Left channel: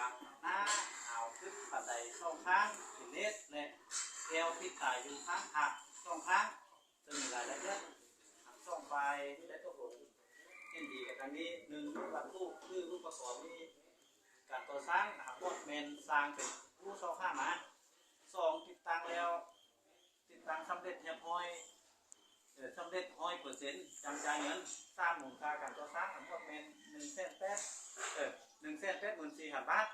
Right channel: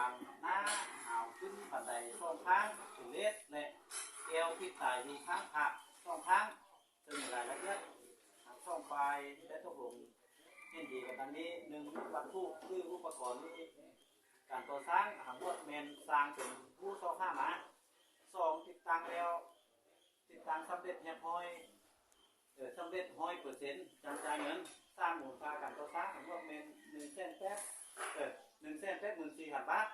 างหน้าหาวขึ้นบันไดช่องข้างถึงเลสและเอวที่ตายอยู่ข้างหักช่องข้างจะมีรายละเอียดช่องปลายได้ตกลงยินดีกันดังนี้หนึ่งหลักผู้คืออุปกรณ์นี้การก่อสร้างหางว่าเมนสร้างเป็นผู้เช่าข้ามาสองติดตั้งแล้วติดตั้งสำเร็จเรียบร้อยสำเร็จ100%จำจ่ายเงินสร้างมูลค่าการก่อสร้างหางว่าเมน1,814,000 บาท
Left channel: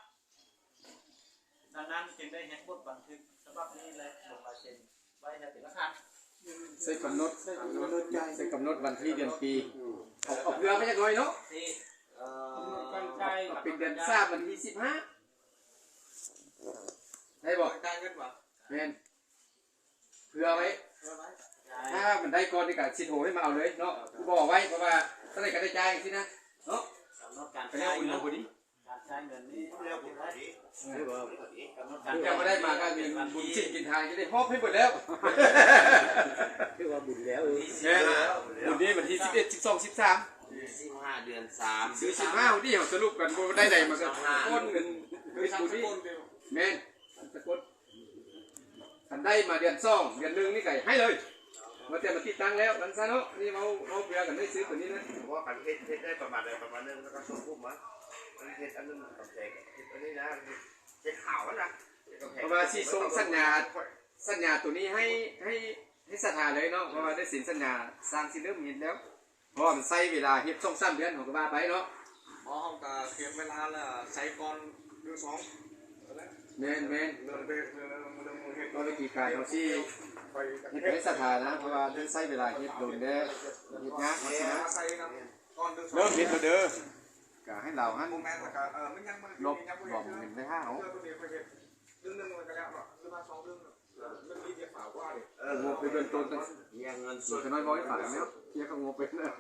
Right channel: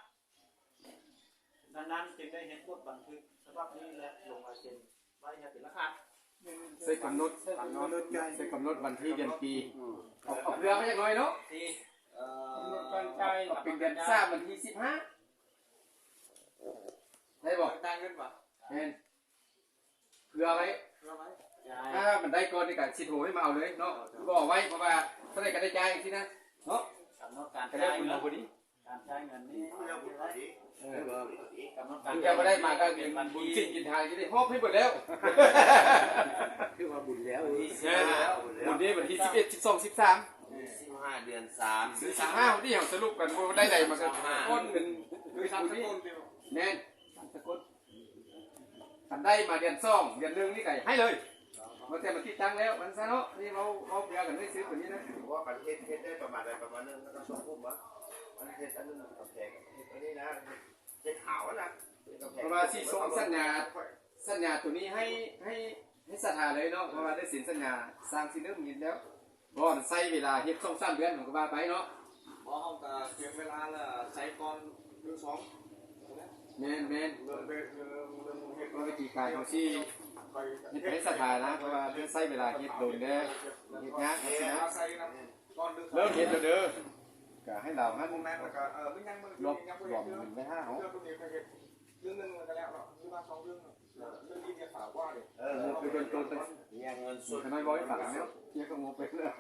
ดังนั้นจึงได้เห็นบทบันทึกฉบับนี้และลงลายเซ็นไว้ให้เป็นหลักฐานใส่กำหนดวันที่เดือนปีออกเรือไม่ใช่น้อยเนาะเป็นเดือนทราบวันที่15ได้บ่ได้เงินบ่แม่นเพื่อไว้ถ้ามันได้ก่อนนี่ก็สิโทรให้มาเอาเลยเนาะบ่ไว้เพราะว่าถ้าได้ก็ได้จ่ายสินะเนาะก็เรียกบุญเอาบ่ดีการใช้เงินนี้เรียกบุญได้ยังไม่ได้มาก็บุญชิ้นกินทานก็ได้มอบให้หมดแล้วคือว่าบุญแล้วบุญนี้วันที่11 12 13 15 เดือน 3ซื้อ15ที่เฮาสรุปกันบ่ได้ใดมาก็คนนึงคือบุญนี้แม่นสะกดอันได้มาเดือน2เดือน1นี่ก็ให้เลยมาแต่มาติดตั้งแล้วมันซะเนาะนี่เอาเบียร์กันได้ซื้อตัวนี้นะเพราะว่าการเฮ็ดได้ประมาณนึงแล้วก็ส่งพุ่มมาเฮ็ดอันนึงกับแจกเฮ็ดอันนี้นะเฮ็ดขาวนะเพราะว่าสิส่งสัญญาตัวนี้ให้สถาเลยเนาะเพราะว่าได้สินสัญญาสร้างสิเริ่มเห็นแล้วเพราะมันใช้เวลาเฮ็ด2-3 เดือนผมก็ว่าไปเนาะบ่เฮาก็เก็บเวลาแล้วใช้ก่อนเดือน2แม่นเรื่องเฮ็ดวิธีการเฮาสิเฮ็ดให้สถานะเพราะว่าใช้เวลาเฮ็ดโดนเด้อเฮ็ดยากว่าสินะเริ่มเฮ็ดแล้วเด้อก็ให้เราหันลบรวม1ใน5เอาเรื่องนึงมันก็แล้วเนาะคือว่า2เรื่องเรื่องนี้จะฝากว่างบไปเบื้องต้นเงินส่วนน้อยบ่ให้ฝากเนาะเกี่ยวกับงบไปเลย